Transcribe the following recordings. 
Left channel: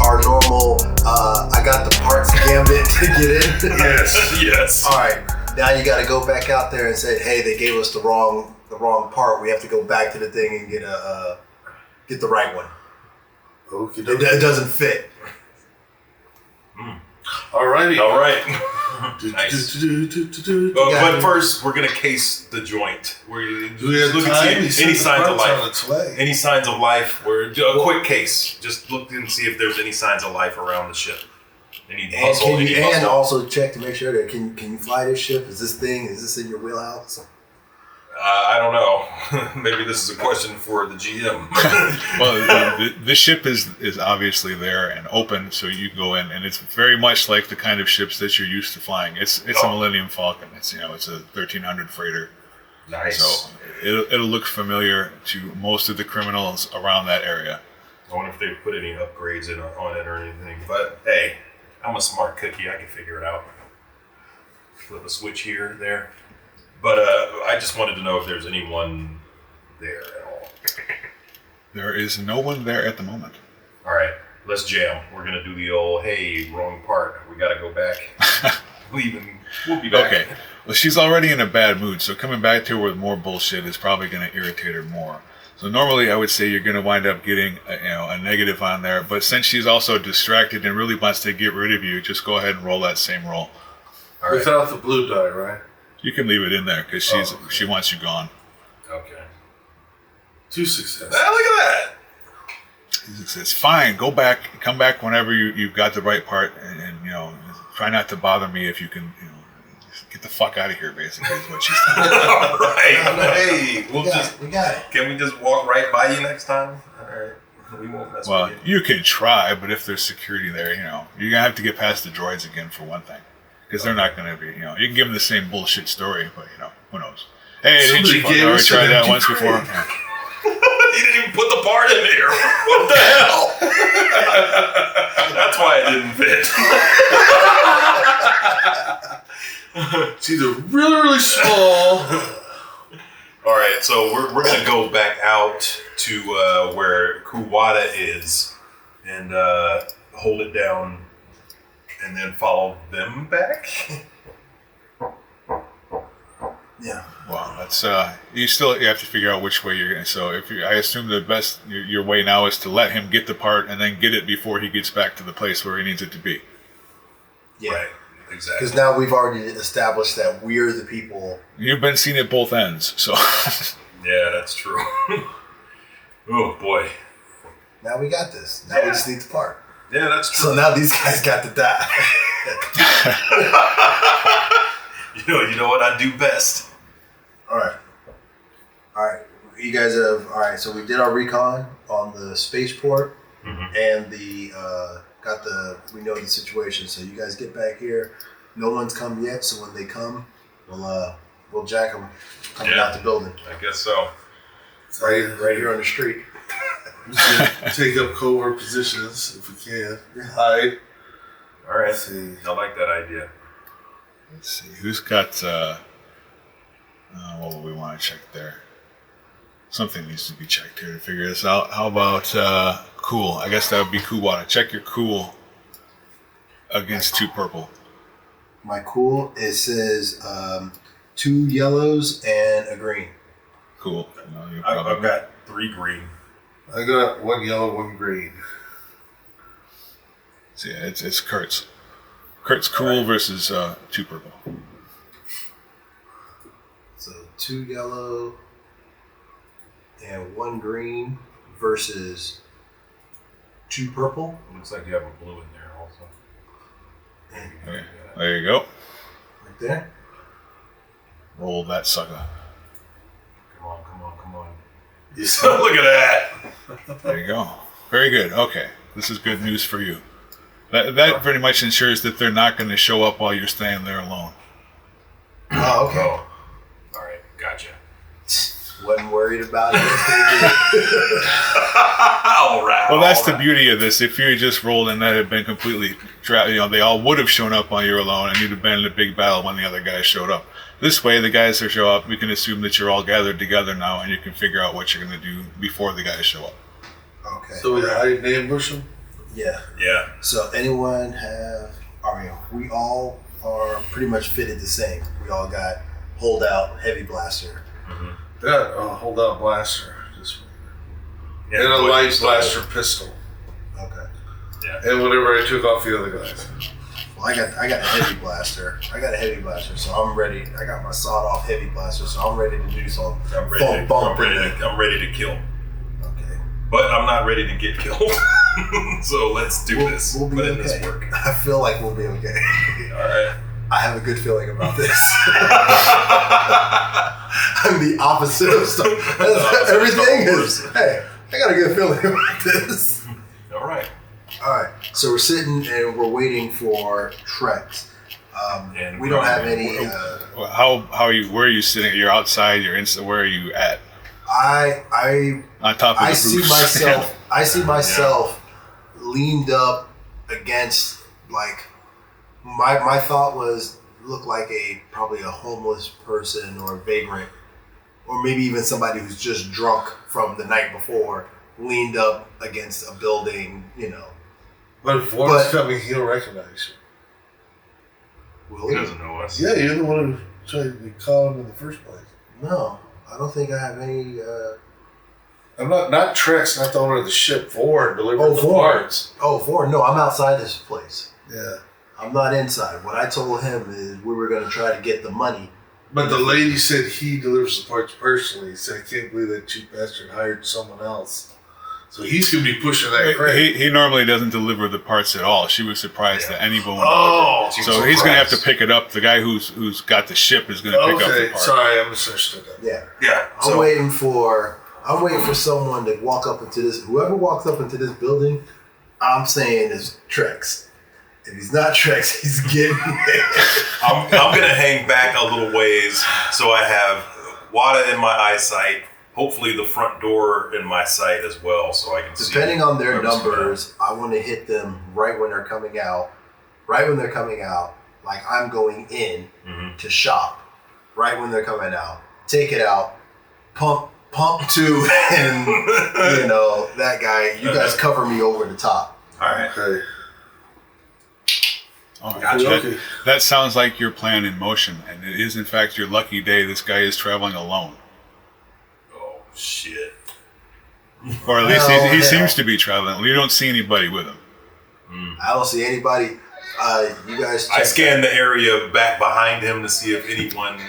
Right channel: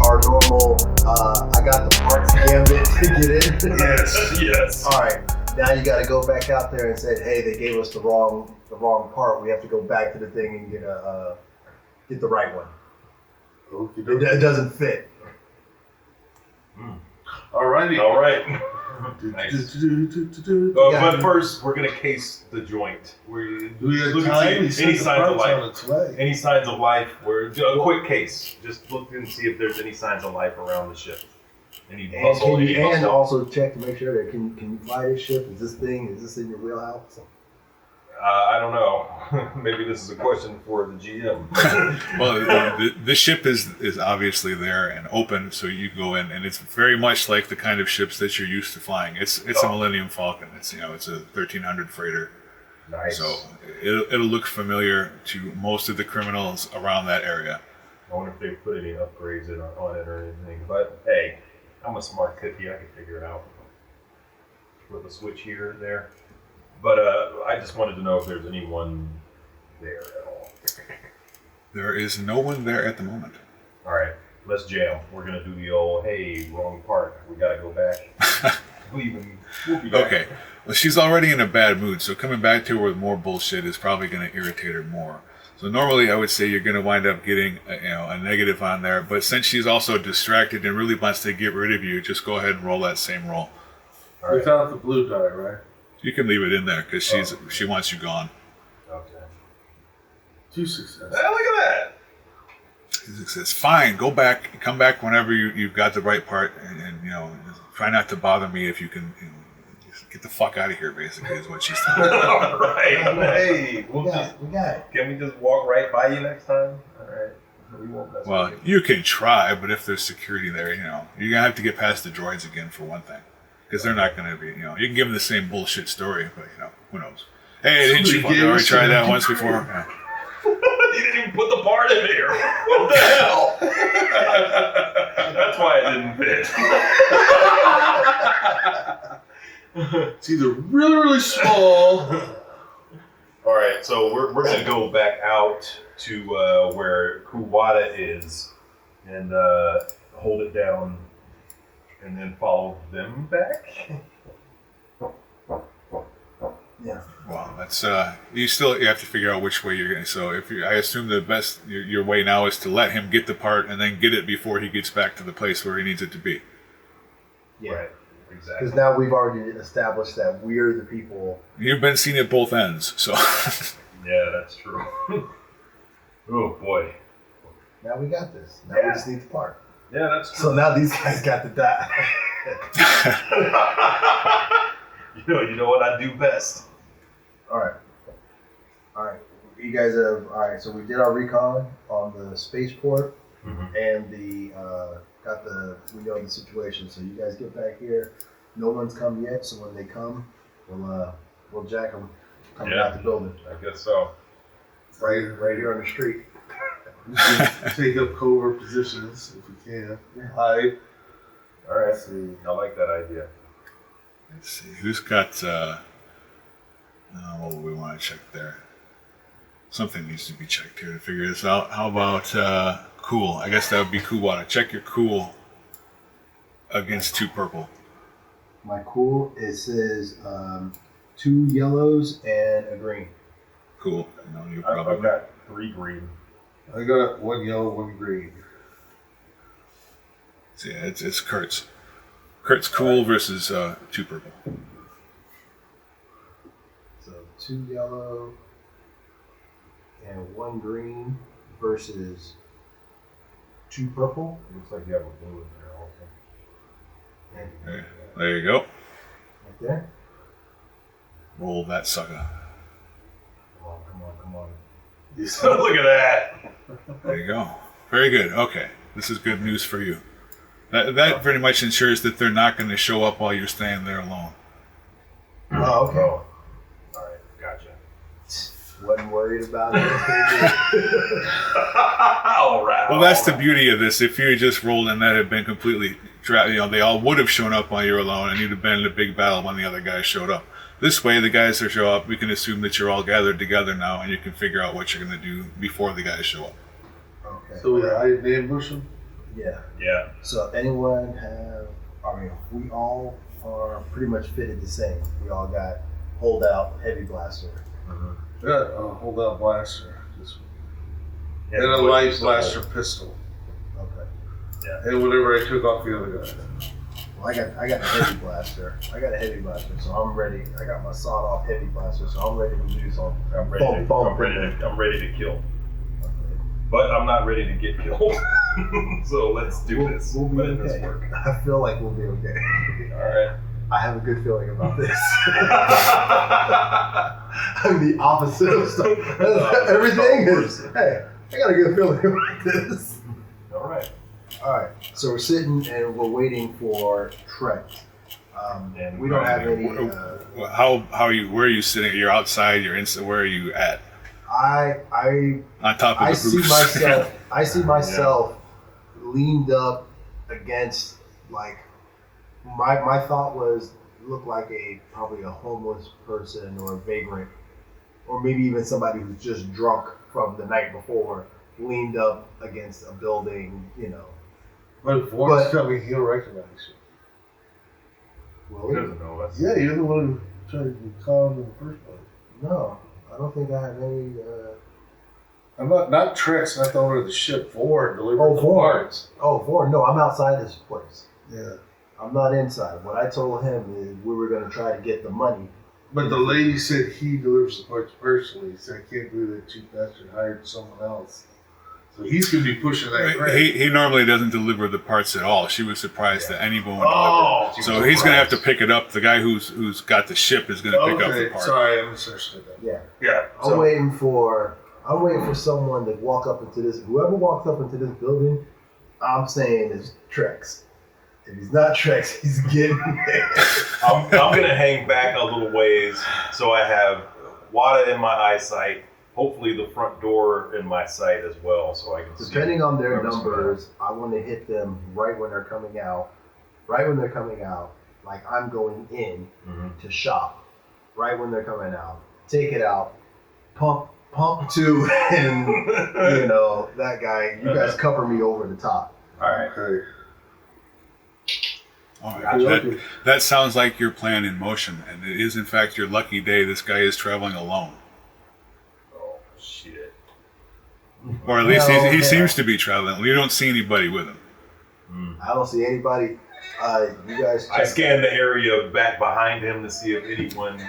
our normal I got the parts gambit to get in? Yes. All right. Now you got to go back out there and say, hey, they gave us the wrong part. We have to go back to the thing and get the right one. Okay. It doesn't fit. Alrighty. All right. Nice. But first, we're gonna case the joint. Do we have time? Any signs of life? On its way. Any signs of life? A quick case. Just look and see if there's any signs of life around the ship. Any bustle? And also check to make sure that can you fly this ship? Is this in your wheelhouse? I don't know. Maybe this is a question for the GM. Well, the ship is obviously there and open, so you go in, and it's very much like the kind of ships that you're used to flying. It's a Millennium Falcon. It's a 1300 freighter. Nice. So it'll look familiar to most of the criminals around that area. I wonder if they put any upgrades on it or anything. But hey, I'm a smart cookie. I can figure it out. Flip a switch here and there. But I just wanted to know if there's anyone there at all. There is no one there at the moment. All right, let's jam. We're going to do the old, hey, wrong part. We got to go back. We'll be back. Okay. Well, she's already in a bad mood, so coming back to her with more bullshit is probably going to irritate her more. So normally I would say you're going to wind up getting a negative on there, but since she's also distracted and really wants to get rid of you, just go ahead and roll that same roll. All right. Without the blue die, right? You can leave it in there because she wants you gone. Okay. 2 successes. Ah, look at that. 2 successes. Fine. Go back. Come back whenever you've got the right part, and try not to bother me if you can. Just get the fuck out of here. Basically, is what she's saying. All right. Hey, we got it. Can we just walk right by you next time? All right. We won't mess with you. You can try, but if there's security there, you're gonna have to get past the droids again for one thing. Because they're not going to be, you can give them the same bullshit story, but, who knows. Hey, didn't you already try that once before? Yeah. You didn't even put the part in there. What the hell? That's why it didn't fit. It's either really, really small. All right, so we're going to go back out to where Kuwata is and hold it down. And then follow them back? Yeah. Well, that's you have to figure out which way you're going. So I assume the best your way now is to let him get the part and then get it before he gets back to the place where he needs it to be. Yeah, right. Exactly. Because now we've already established that we're the people. You've been seen at both ends, so. Yeah, that's true. Oh boy. Now we got this. Now we just need the part. Yeah, that's true. So now these guys got to die. You know what I do best. All right. You guys have so we did our recon on the spaceport, and we know the situation. So you guys get back here. No one's come yet. So when they come, we'll jack them coming out the building. I guess so. Right here on the street. Take up covert positions if we can. Hide. All right. I like that idea. Let's see. Who's got... what would we want to check there? Something needs to be checked here to figure this out. How about cool? I guess that would be Kuwata. Check your cool against 2 purple. My cool, it says 2 yellows and a green. Cool. No, I've got 3 green. I got 1 yellow, 1 green. So yeah, it's Kurt's. Kurt's cool versus 2 purple. So 2 yellow and 1 green versus 2 purple. Looks like you have a blue in there also. Okay. There you go. Right there. Roll that sucker. Come on. Look at that. There you go. Very good. Okay. This is good news for you. That pretty much ensures that they're not going to show up while you're staying there alone. Oh, okay. All right. Gotcha. Wasn't worried about it. All right. Well, that's the beauty of this. If you had just rolled and that had been completely they all would have shown up while you're alone and you'd have been in a big battle when the other guys showed up. This way, the guys that show up, we can assume that you're all gathered together now and you can figure out what you're going to do before the guys show up. Okay. So we hide and ambush them? Yeah. Yeah. So anyone have? I mean, we all are pretty much fitted the same. We all got holdout heavy blaster. Mm-hmm. Yeah, hold out blaster. Just Yeah, and a light blaster pistol. Okay. Yeah. And whenever I took off the other guys. Well, I got a heavy blaster. So I'm ready. I got my sawed off heavy blaster, so I'm ready to do some I'm ready bump. I'm ready to kill. Okay. But I'm not ready to get killed. So let's do this. We'll be Let okay. this work. I feel like we'll be okay. All right. I have a good feeling about this. I'm the opposite of stuff. Everything is. Hey, I got a good feeling about this. All right. All right. So we're sitting and we're waiting for Trex. And we don't have any. How are you? Where are you sitting? You're outside. You're inside. Where are you at? I On top of the I see roofs. myself. I see myself leaned up against like. My thought was look like probably a homeless person or a vagrant, or maybe even somebody who's just drunk from the night before, leaned up against a building. But if one's coming, he'll recognize you. Will He he? doesn't know us. Yeah, you're the one who tried to call him in the first place. No, I don't think I have any. I'm not Trex, not the owner of the ship. Vaughn delivering the parts. Oh, Vaughn. No, I'm outside this place. Yeah. I'm not inside. What I told him is we were going to try to get the money. But the lady said he delivers the parts personally. He said, I can't believe that cheap bastard hired someone else. So he's going to be pushing that crate. He normally doesn't deliver the parts at all. She was surprised that anyone would Oh, deliver. So he's going to have to pick it up. The guy who's got the ship is going to pick up the part. Sorry, I misunderstood that. Yeah. Yeah. I'm waiting for someone to walk up into this. Whoever walks up into this building, I'm saying is Trex. If he's not Trex, he's getting there. I'm gonna hang back a little ways so I have Wada in my eyesight. Hopefully the front door in my sight as well, so I can see. Depending on their numbers, I want to hit them right when they're coming out. Right when they're coming out, like I'm going in to shop. Right when they're coming out, take it out, pump two, and that guy. You guys cover me over the top. All right. Okay. Oh, Gotcha. that sounds like your plan in motion, and it is in fact your lucky day. This guy is traveling alone, Oh shit. or at least Well, he hell. seems to be traveling. You don't see anybody with him. I don't see anybody. You guys. I scan the area back behind him to see if anyone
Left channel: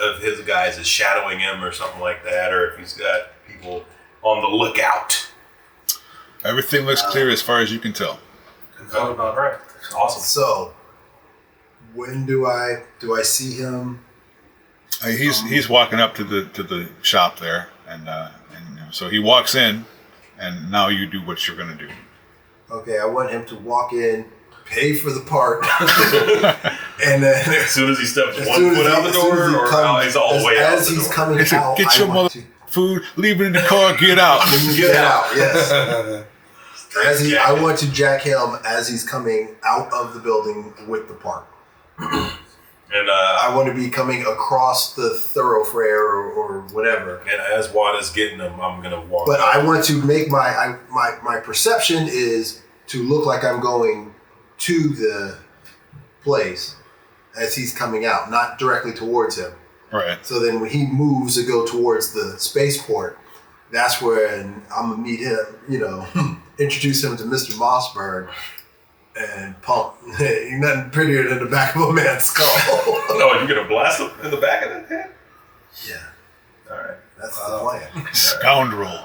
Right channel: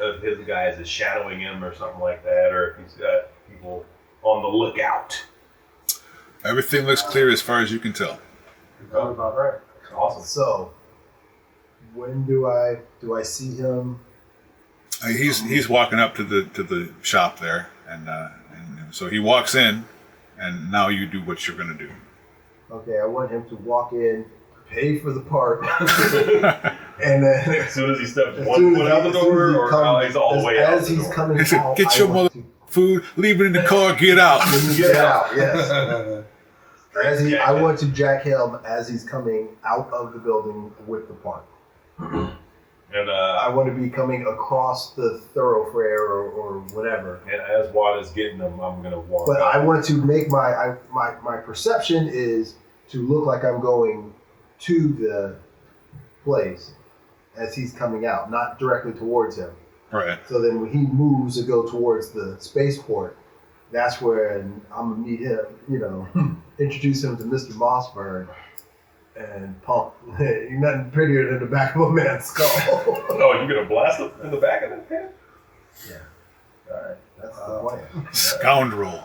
of his guys is shadowing him or something like that, or if he's got people on the lookout. Everything looks clear as far as you can tell. Oh, all right. Awesome. So, when do I see him? He's walking up to the shop there, and so he walks in, and now you do what you're going to do. Okay, I want him to walk in, pay for the part, and then As soon as he steps one foot out the door, or he's all the way out as the he's door. coming He said, out, "Get I your want mother food, leave it in the car, get out." to get out. Yes. I want to jack him as he's coming out of the building with the part. And I want to be coming across the thoroughfare or whatever. and as Wada's getting him, I'm gonna walk. But up. I want to make my perception is to look like I'm going to the place as he's coming out, not directly towards him. Right. So then when he moves to go towards the spaceport, that's when I'm gonna meet him, introduce him to Mr. Mossberg and pump. Ain't nothing prettier than the back of a man's skull. Oh, you're gonna blast him in the back of that head? Yeah, All right. that's the plan. Scoundrel.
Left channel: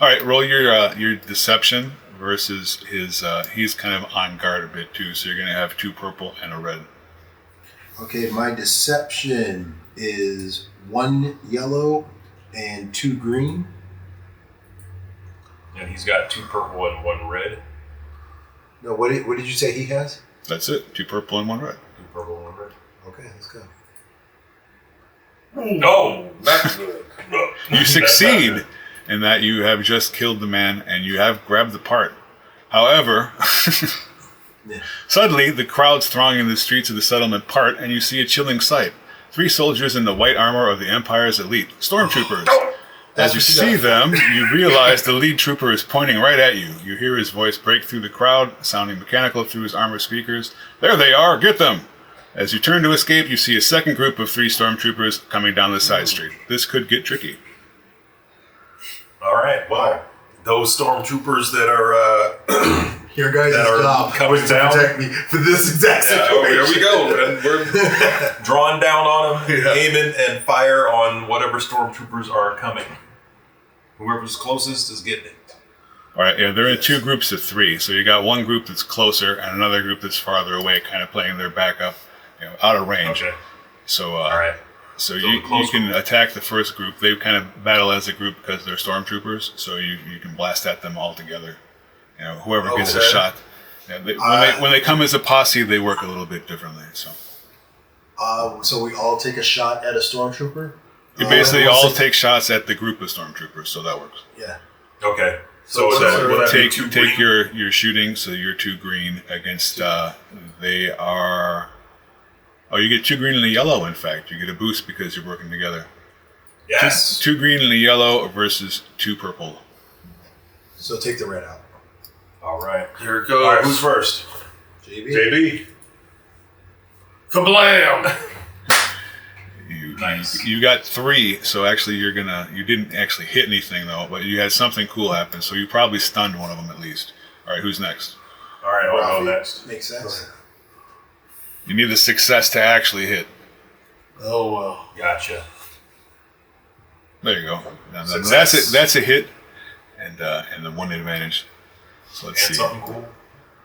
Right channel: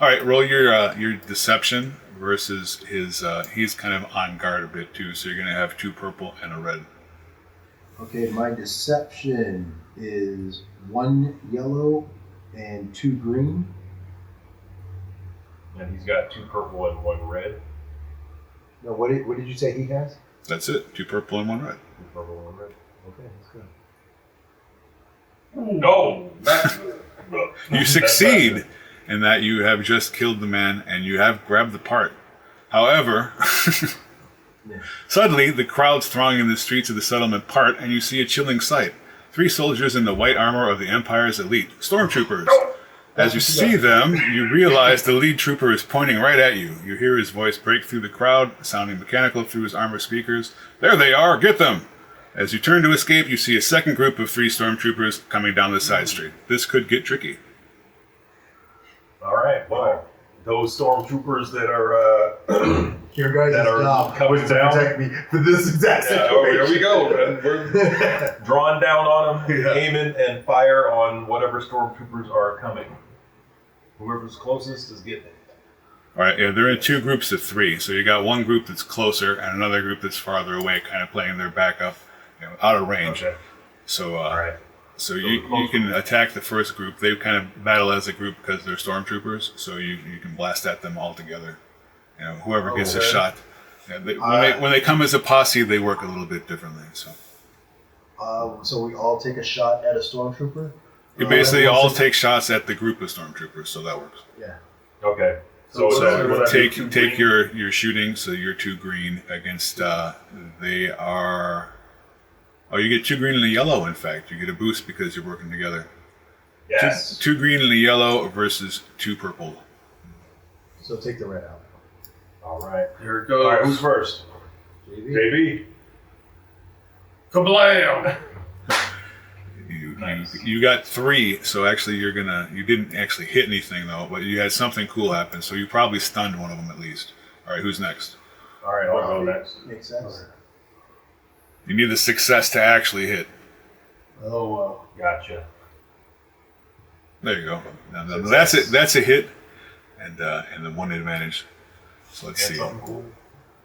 All right, roll your deception versus his. He's kind of on guard a bit too, so you're going to have 2 purple and a red. Okay, my deception is 1 yellow and 2 green. And he's got 2 purple and 1 red. No, what did you say he has? That's it. 2 purple and 1 red. 2 purple and 1 red. Okay, let's go. No, that's good. You succeed in that you have just killed the man and you have grabbed the part. However, suddenly the crowds thronging the streets of the settlement part, and you see a chilling sight. 3 soldiers in the white armor of the Empire's elite, stormtroopers. As you see them, you realize the lead trooper is pointing right at you. You hear his voice break through the crowd, sounding mechanical through his armored speakers. There they are, get them! As you turn to escape, you see a second group of 3 stormtroopers coming down the side street. This could get tricky. All right, well, those stormtroopers that are Your guys' job coming was to down. protect me for this exact situation. There we go. And we're drawing down on them, aiming and fire on whatever stormtroopers are coming. Whoever's closest is getting it. All right, yeah, they're in 2 groups of 3. So you got one group that's closer and another group that's farther away, kind of playing their backup, out of range. Okay. So, all right. So you can attack the first group. They kind of battle as a group because they're stormtroopers. So you can blast at them all together. Whoever gets a shot. Yeah, when they come as a posse, they work a little bit differently. So we all take a shot at a stormtrooper? You basically all take shots at the group of stormtroopers, so that works. Yeah. Okay. So take your shooting, so you're 2 green against, they are... Oh, you get 2 green and a yellow, in fact. You get a boost because you're working together. Yes. 2 green and a yellow versus 2 purple. So take the red out. All right. Here it goes. All right, who's first? JB. Kablam! You got 3, so actually you didn't actually hit anything though, but you had something cool happen, so you probably stunned one of them at least. All right, who's next? All right, I'll go next. Makes sense. You need a success to actually hit. Oh, well. Gotcha. There you go. Now, that's a hit, and the 1 advantage. So let's see. Something cool.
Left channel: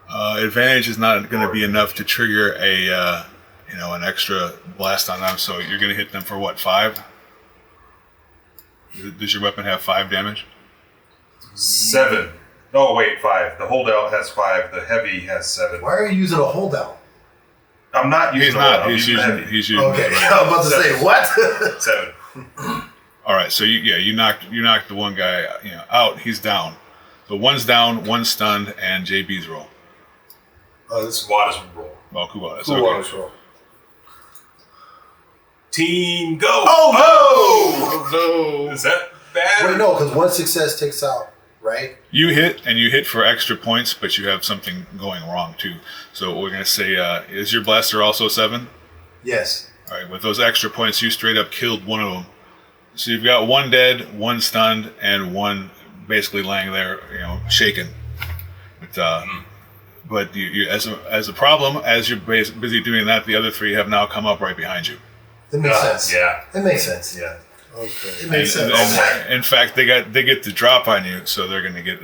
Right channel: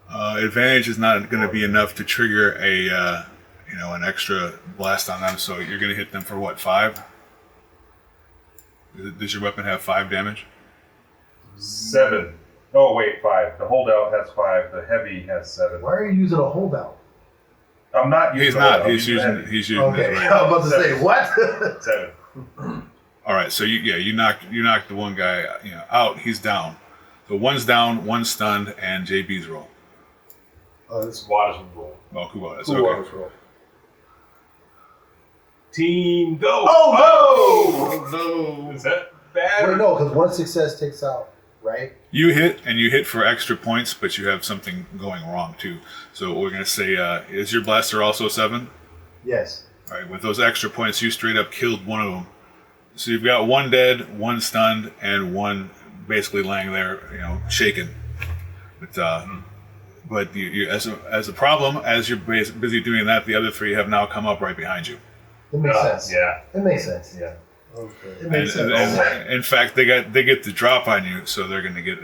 Advantage is not going to be enough to trigger an extra blast on them. So you're going to hit them for what, 5? Does your weapon have 5 damage? 7. No, wait, 5. The holdout has 5. The heavy has 7. Why are you using a holdout? I'm not using. He's not. Holdout. He's using. Okay, I was about to say what? 7. All right, so you knocked the one guy out. He's down. So 1's down, 1's stunned, and JB's roll. This is Wada's roll. Oh, Kubata's. Wada's roll. Team go! Oh no! Is that bad? Wait, no, because 1 success takes out, right? You hit for extra points, but you have something going wrong too. So we're gonna say, is your blaster also 7? Yes. All right, with those extra points, you straight up killed one of them. So you've got 1 dead, 1 stunned, and 1 basically laying there, shaken. But you as a problem, as you're busy doing that, the other 3 have now come up right behind you. That makes sense. Yeah. It makes sense. Yeah. Okay. It makes sense. And in fact, they get the drop on you, so they're going to get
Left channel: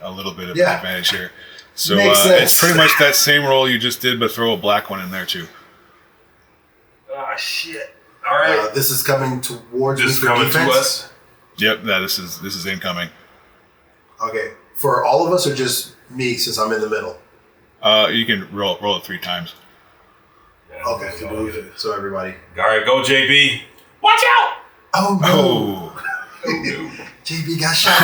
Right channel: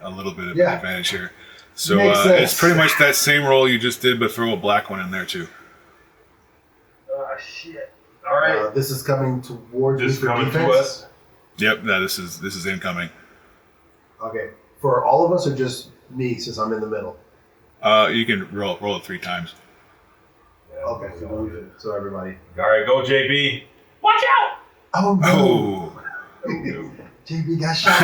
a little bit of an advantage here. So Makes sense. it's pretty much that same roll you just did, but throw a black one in there too. Ah, shit. All right. This is coming towards This me is for coming defense. to us. Yep, this is incoming. Okay, for all of us or just me since I'm in the middle? You can roll it 3 times. Yeah, Okay, so everybody. All right, go JB. Watch out! Oh no! Oh, JB got shot.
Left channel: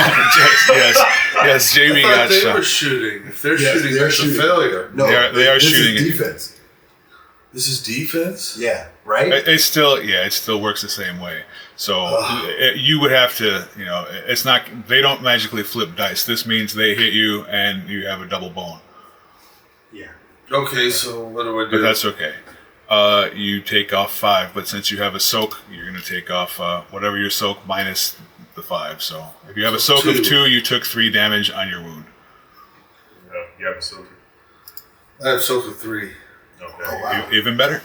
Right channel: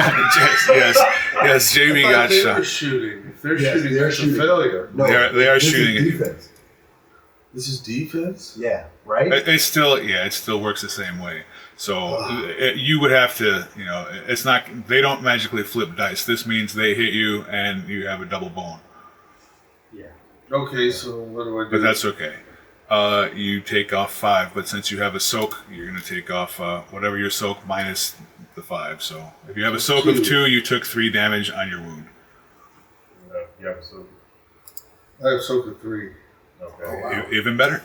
yes, JB I got thought they shot. were shooting. If they're Yes, shooting, they're that's shooting. a failure. No, They are this shooting at is you. defense. This is defense? Yeah, right? It still works the same way. So you would have to, it's not. They don't magically flip dice. This means they hit you and you have a double bone. Yeah. Okay, so what do I do? But that's okay. You take off 5, but since you have a soak, you're going to take off whatever your soak minus the 5. So if you have a soak of 2, you took 3 damage on your wound. You have a silver. I have soak of 3. Okay. Oh, wow. Even better.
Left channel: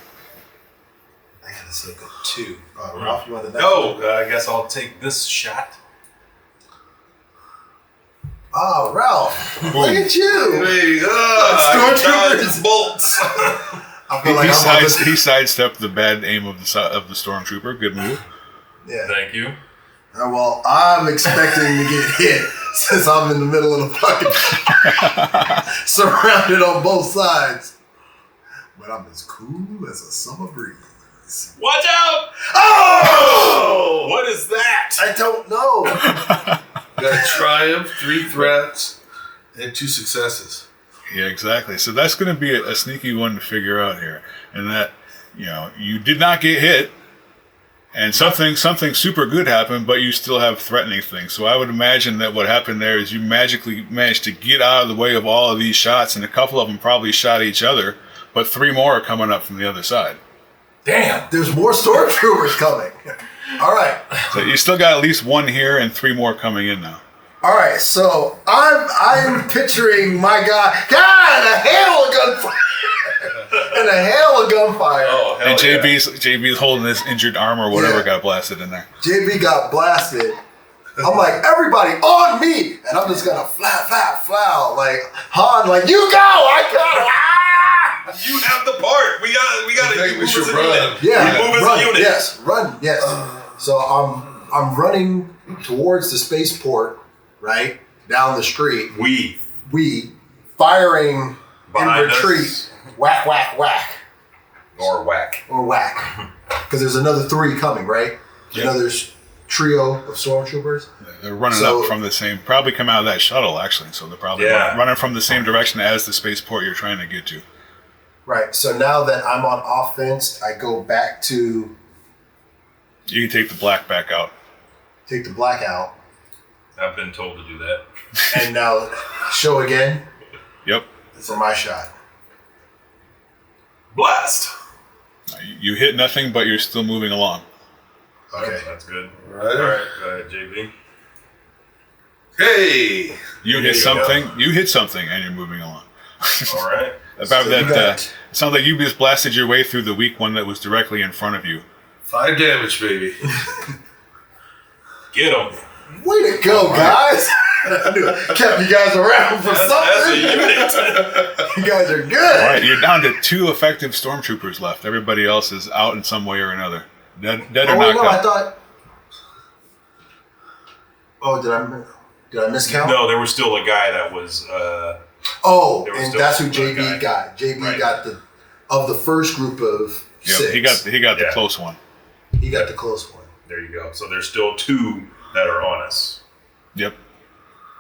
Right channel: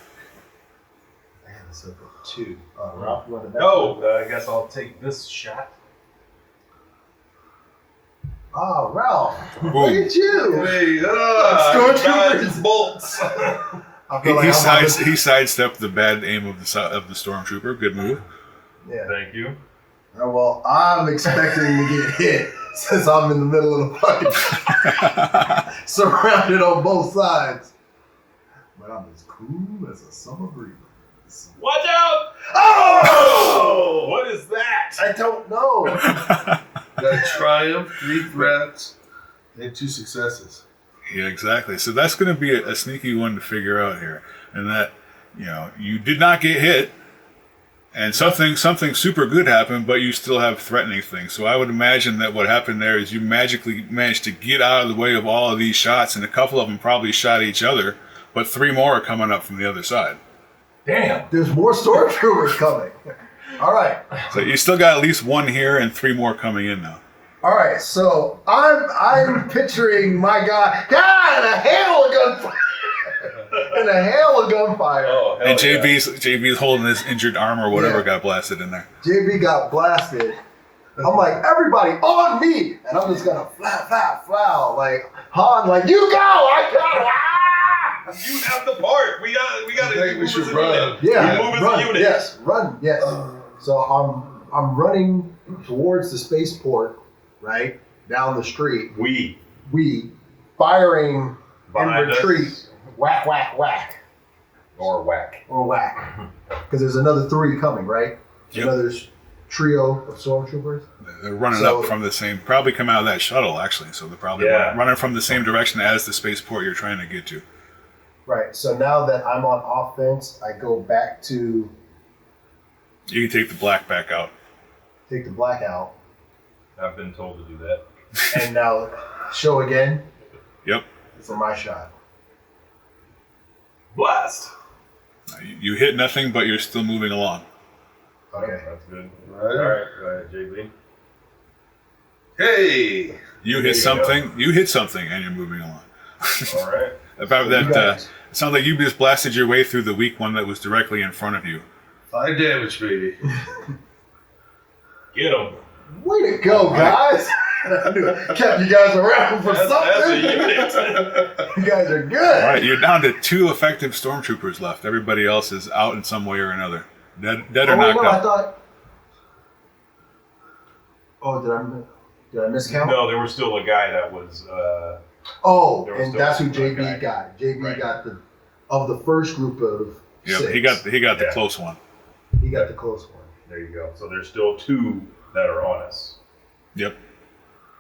I got a soak of 2. Ralph, you want the next No, one? I guess I'll take this shot. Oh, Ralph. Look at you. Hey, Stormtroopers. Bolts. I feel like I'm about to... He sidestepped the bad aim of the stormtrooper. Good move. Yeah. Thank you. Well, I'm expecting to get hit since I'm in the middle of the fucking surrounded on both sides. But I'm as cool as a summer breeze. Watch out! Oh! What is that? I don't know. got a triumph, 3 threats, and 2 successes. Yeah, exactly. So that's going to be a sneaky one to figure out here. And that, you did not get hit. And something super good happened, but you still have threatening things. So I would imagine that what happened there is you magically managed to get out of the way of all of these shots, and a couple of them probably shot each other, but 3 more are coming up from the other side. Damn. There's more stormtroopers coming. All right. So you still got at least 1 here and 3 more coming in now. All right. So I'm picturing my guy. God, a hail of gunfire. And a hail of gunfire. Oh, hell And yeah. JB's holding his injured arm or whatever got blasted in there. JB got blasted. I'm like, everybody on me. And I'm just gonna flow. Like, Han, like, you go. I got it. Ah! You have the part. We got I think we should run. Yeah, Move as run. a unit. Yes, run. Yes. So I'm running towards the spaceport, right down the street. We Firing Behind in retreat. us. Whack, whack, whack, or whack. or whack. Because there's another 3 coming, right? Yep. Another trio of stormtroopers. They're running up from the same, probably come out of that shuttle actually. So they're probably running from the same direction as the spaceport you're trying to get to. Right. So now that I'm on offense, I go back to You can take the black back out. take the black out, I've been told to do that. and now show again Yep. for my shot. Blast. You hit nothing, but you're still moving along. Okay. That's good. Right. All right, go ahead, JB. Hey. You hit something. You hit something, and you're moving along. All right. About So that, you got- it sounds like you just blasted your way through the weak one that was directly in front of you. 5 damage, baby. Get him. Way to go, guys! I knew I kept you guys around for That's a something. unit. You guys are good. All right, you're down to 2 effective stormtroopers left. Everybody else is out in some way or another. Dead Oh or wait, knocked no, I out. thought. Oh, did I miscount? No, there was still a guy that was. Oh, There was and still that's who one JB guy. got. JB Right. got the first group of Yep, 6. he got the Yeah. close one. He got the close one. There you go. So there's still 2 that are on us. Yep.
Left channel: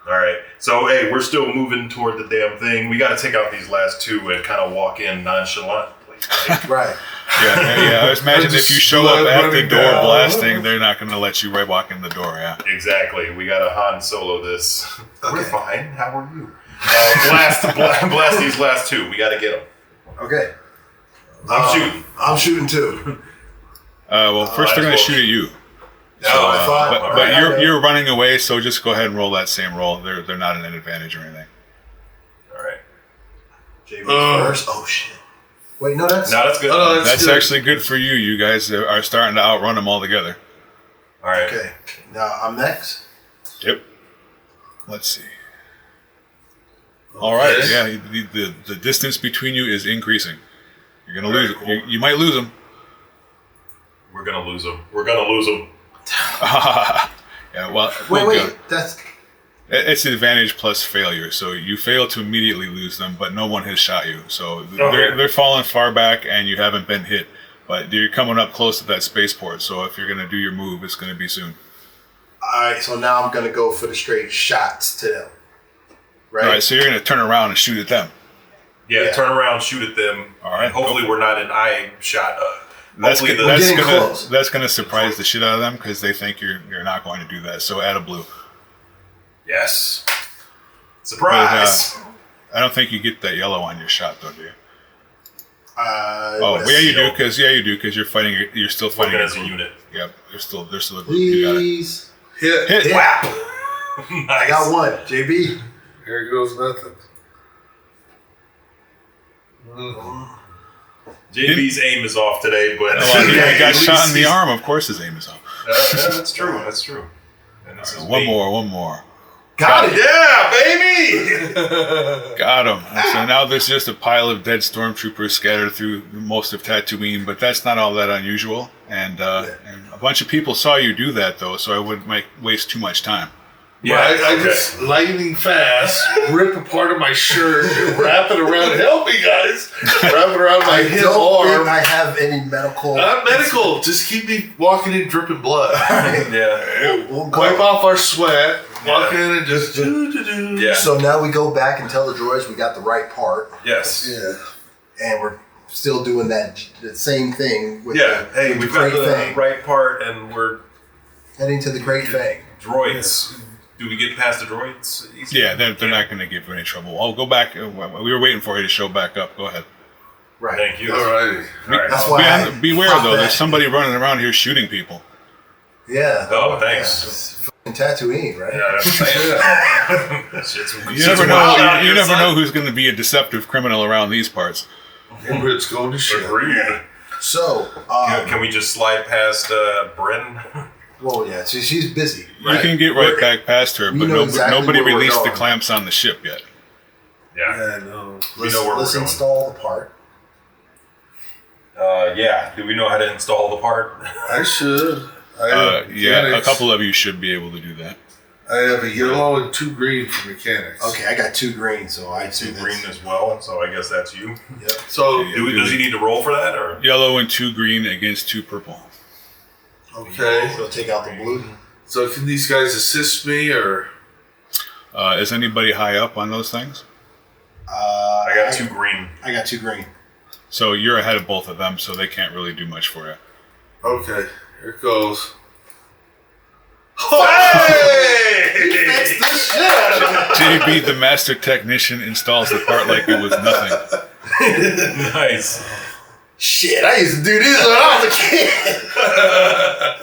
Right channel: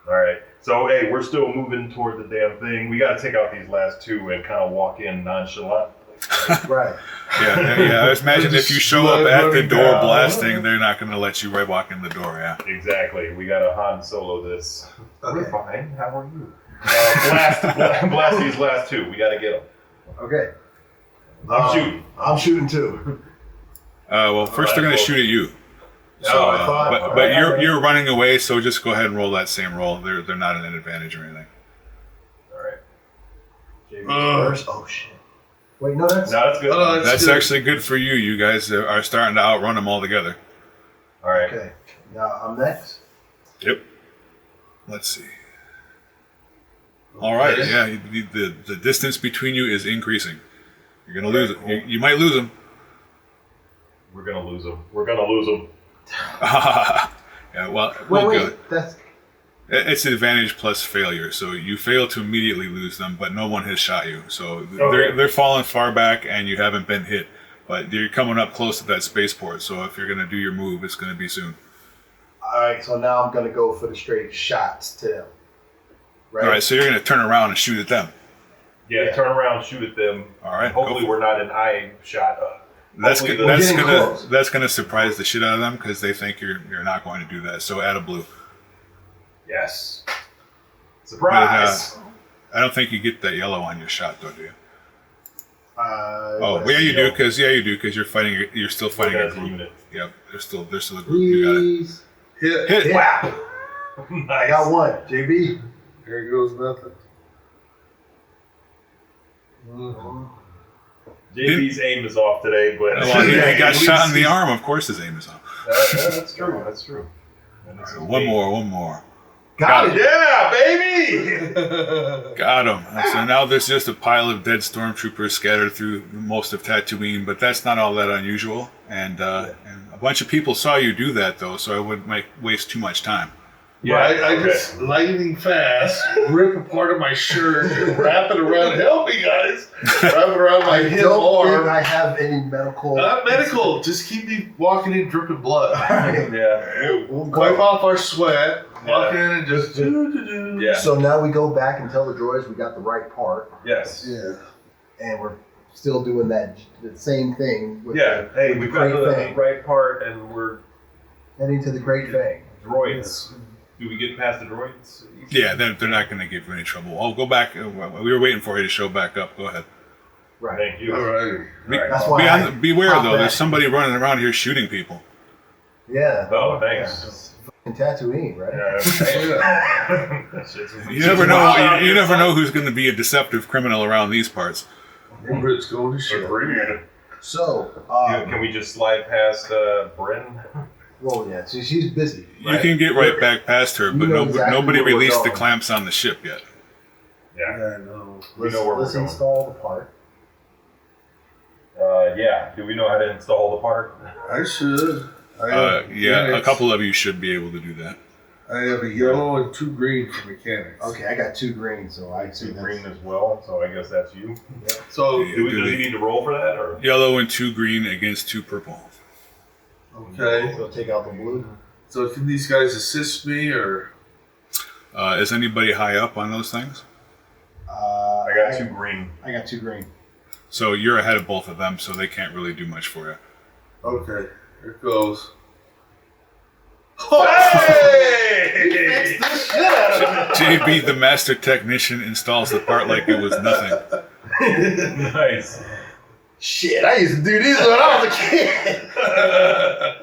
All right. So hey, we're still moving toward the damn thing. We got to take out these last 2 and kind of walk in nonchalantly. Right? Right. Yeah. I was imagine if you show up Blood at the running door down. blasting, they're not going to let you right walk in the door. Yeah. Exactly. We got to Han Solo this. Okay. We're fine. How are you? Blast these last 2. We got to get them. Okay. I'm shooting. I'm shooting too. Well, first they're going to shoot at you. So I thought. But alright, you're running away, so just go ahead and roll that same roll. They're not an advantage or anything. All right. JB first. Oh shit. Wait, no, that's. No, that's good. Oh, no, That's good. actually good for you. You guys are starting to outrun them all together. All right. Okay. Now I'm next. Yep. Let's see. All right. Okay. Yeah. The distance between you is increasing. You're gonna lose it. Cool. You might lose them. We're gonna lose them. We're gonna lose them. Yeah. Well. Wait, we'll go. wait. That's. It's advantage plus failure. So you fail to immediately lose them, but no one has shot you. So Okay. they're falling far back, and you haven't been hit. But you're coming up close to that spaceport. So if you're gonna do your move, it's gonna be soon. All right. So now I'm gonna go for the straight shots to them. Right. All right. So you're gonna turn around and shoot at them. Yeah, turn around, shoot at them. All right, Hopefully, go for we're not in eye shot. That's Hopefully, We're getting close. that's gonna surprise the shit out of them because they think you're not going to do that. So add a blue. yes. But, Surprise. I don't think you get that yellow on your shot though, do you? Oh, Let's yeah, you see. do because you're fighting. You're still fighting Working as a group. unit. Yep, they're still a group. You got it. Please. Hit. Hit. Whap. I got one. JB. Here goes nothing. JB's aim is off today, but Well, he Yeah, got at shot in least the he's- arm. Of course, his aim is on. That's true. That's true. And this is One me. more. Got it. Yeah, baby. Got him. So now there's just a pile of dead stormtroopers scattered through most of Tatooine, but that's not all that unusual. And a bunch of people saw you do that, though, so I wouldn't waste too much time. Yeah, I just lightning fast, rip a part of my shirt, wrap it around. Help me, guys! Wrap it around my I hip don't think arm. I have any medical. Not medical. Just keep me walking in dripping blood. Yeah. We'll go. Wipe off our sweat. Walk Yeah. in and just do. Yeah. So now we go back and tell the droids we got the right part, Yes. Yeah. and we're still doing the same thing with hey, with we've the got crate the thing. right part, and we're Heading to the crate thing. droids. Do we get past the droids? Easy? Yeah, they're not going to give you any trouble. I'll go back. We were waiting for you to show back up. Go ahead. Right. Thank you. Alrighty. All right. That's why Beware, popped though. that. There's somebody running around here shooting people. Oh, Yeah, thanks. it's fucking Tatooine, right? Yeah. Shit's You never know. You never know who's going to be a deceptive criminal around these parts. Ingrid's going to shit. Agreed. So, Can we just slide past Bryn? well, yeah, she's busy. You can get right back past her, We but know exactly nobody where we're released the going. clamps on the ship yet. Yeah. Yeah, I know. We know where Let's we're going. install the part. Yeah. Do we know how to install the part? I should. I have Yeah, a mechanics. couple of you should be able to do that. I have a yellow and 2 green for mechanics. Okay, I got 2 green, so I'd say Two that's... green as well, so I guess that's you. Yep. So, Yeah. Does he need to roll for that, or? Yellow and 2 green against 2 purple. okay. So take out the blue. So can these guys assist me or? Is anybody high up on those things? I got 2 green. I got 2 green. So you're ahead of both of them, so they can't really do much for you. Okay, here it goes. Hey! Fix the shit out of it. JB, the master technician, installs the part like it was nothing. Nice. Shit, I used to do this when I was a kid.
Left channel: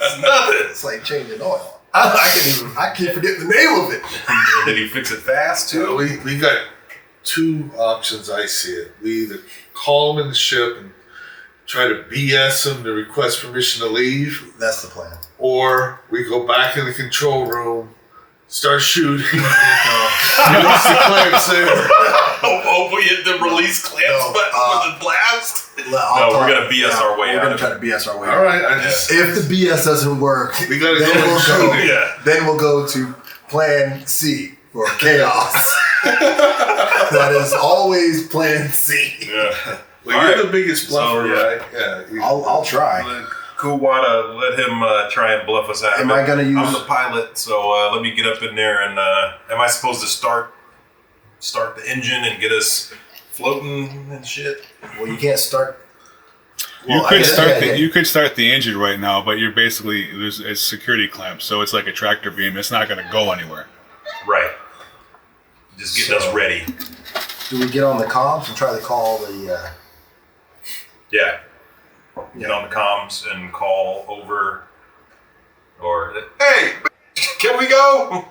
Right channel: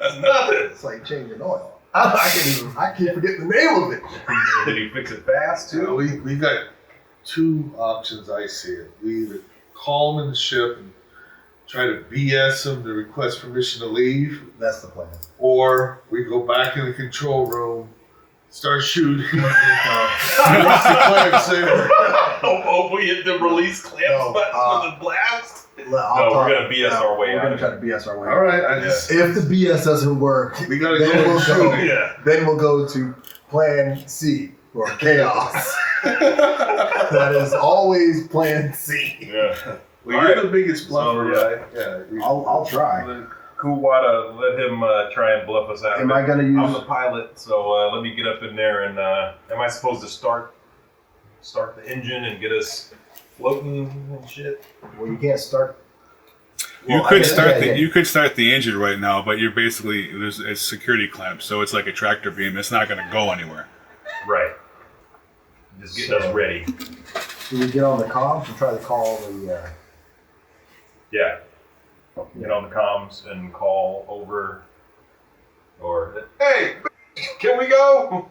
It's nothing. It's like changing oil. I can't forget the name of it. Did he fix it fast So too? we got 2 options. I see it. We either call them in the ship and try to BS them to request permission to leave, That's the plan. or we go back in the control room, start shooting, release the clamps there. Oh, we hit the release clamps No, button with the blast? We're gonna BS our way We're out gonna of try to BS our way. All right, I just If the BS doesn't work, we gotta then go we'll and go. shoot. Yeah. Then we'll go to Plan C for chaos. That is always Plan C. Yeah. Well, All you're right. the biggest bluffer, So, right? Yeah. I'll try. Kuwata, let him try and bluff us out. Am I gonna use? I'm the pilot, so let me get up in there and am I supposed to start the engine and get us floating and shit? Well, you can't start. You Well, I could guess- start yeah. you could start the engine right now, but you're basically it's security clamps, so it's like a tractor beam. It's not going to go anywhere. Right. Just getting us ready. Do we get on the comms and try to call the? Yeah. Get on the comms and call over. Or hey, can we go?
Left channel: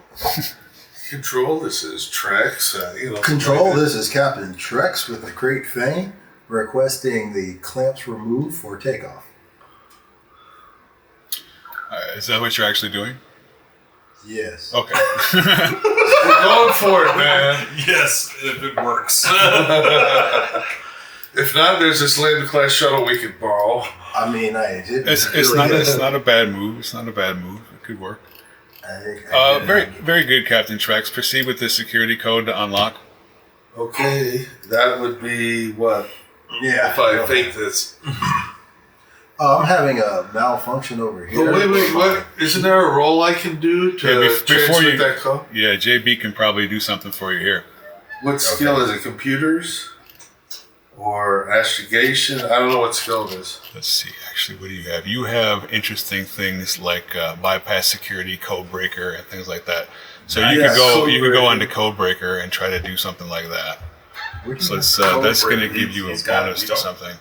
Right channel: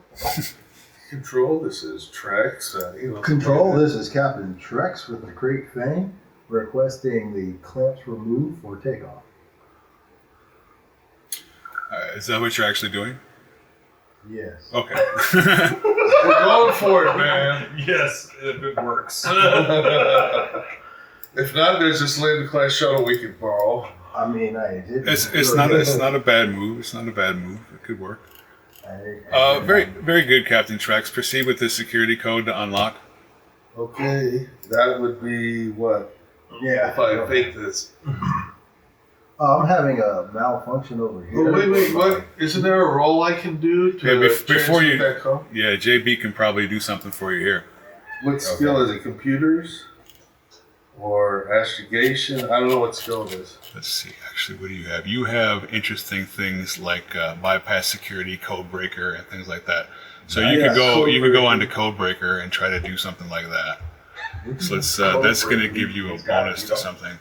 Control. This is Trex. Control. This is Captain Trex with the Crate Thing, requesting the clamps removed for takeoff. Is that what you're actually doing? Yes. Okay. We're going for it, man. Yes, if it works. If not, there's this Lambda class shuttle we could borrow. I mean, I did. It's not a bad move. It's not a bad move. It could work. Very good, Captain Trex. Proceed with the security code to unlock. Okay, that would be what? Yeah. If I fake this. I'm having a malfunction over here. Oh, wait, what? Isn't there a roll I can do to Yeah, before transmit you- that call? Yeah, JB can probably do something for you here. What skill is it? Computers? Or astrogation? I don't know what skill it is. Let's see. Actually, what do you have? You have interesting things like bypass security, code breaker, and things like that. So you Yeah, could go code you could go breaker. onto code breaker and try to do something like that. We can So it's, code that's break going to give you a He's got it, bonus you to know. something.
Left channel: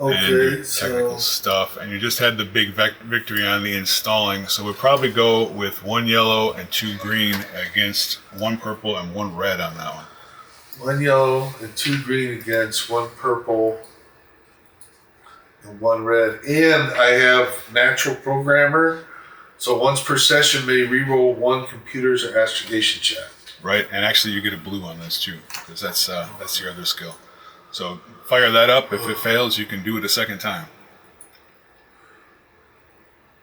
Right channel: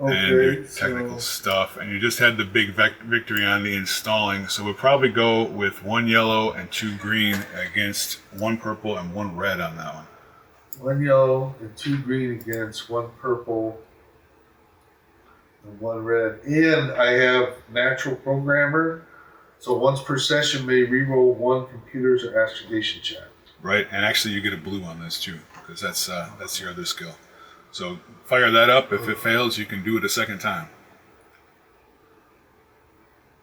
Okay, And technical stuff. And you just had the big victory on the installing. So we'll probably go with 1 yellow and 2 green against 1 purple and 1 red on that one. 1 yellow and 2 green against 1 purple and 1 red. And I have natural programmer. So once per session may reroll 1 computers or astrogation check. Right, and actually you get a blue on this too, because that's your other skill. So fire that up. If it fails, you can do it a second time.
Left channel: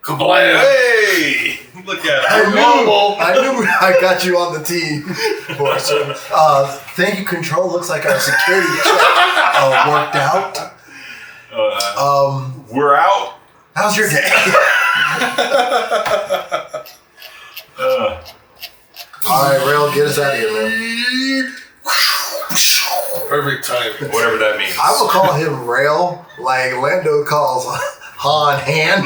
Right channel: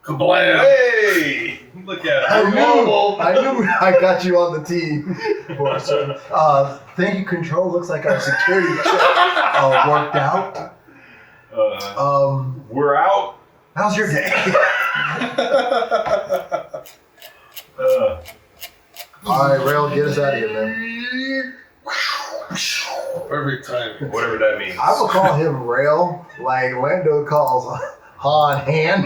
Kablam! Hey, look at I it. knew I got you on the team. Thank you, Control. Looks like our security check worked out. We're out. How's your day? All right, Rail, get us out of here, man. Perfect timing. whatever that means. I will call him Rail, like Lando calls Han Han.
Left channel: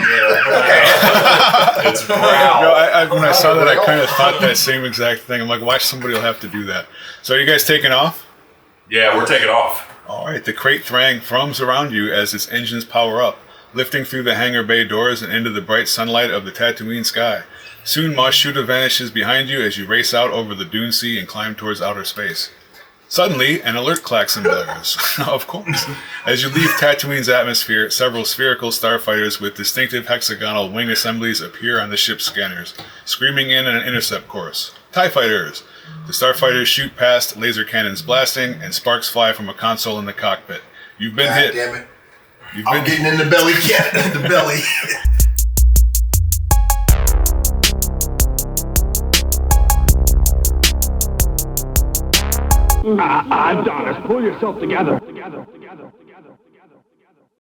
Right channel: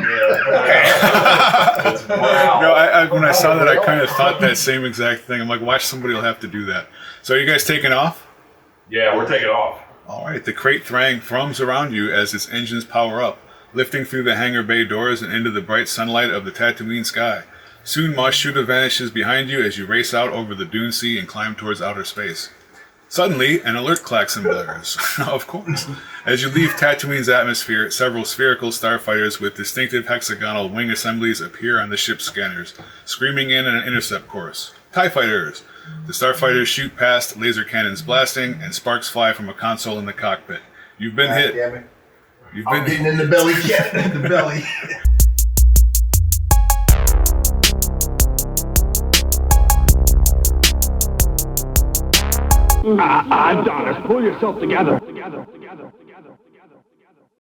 It's No, wow. when I saw that, I kind of thought that same exact thing. I'm like, watch, somebody will have to do that. So are you guys taking off? Yeah, we're taking off. All right, the crate thrang thrums around you as its engines power up, lifting through the hangar bay doors and into the bright sunlight of the Tatooine sky. Soon, Mos Shuuta vanishes behind you as you race out over the dune sea and climb towards outer space. Suddenly, an alert klaxon blares. Of course. As you leave Tatooine's atmosphere, several spherical starfighters with distinctive hexagonal wing assemblies appear on the ship's scanners, screaming in an intercept chorus. TIE fighters! The starfighters shoot past, laser cannons blasting, and sparks fly from a console in the cockpit. You've been God hit. damn it. You've I'm been getting in the belly cat. The belly. Adonis, pull yourself together.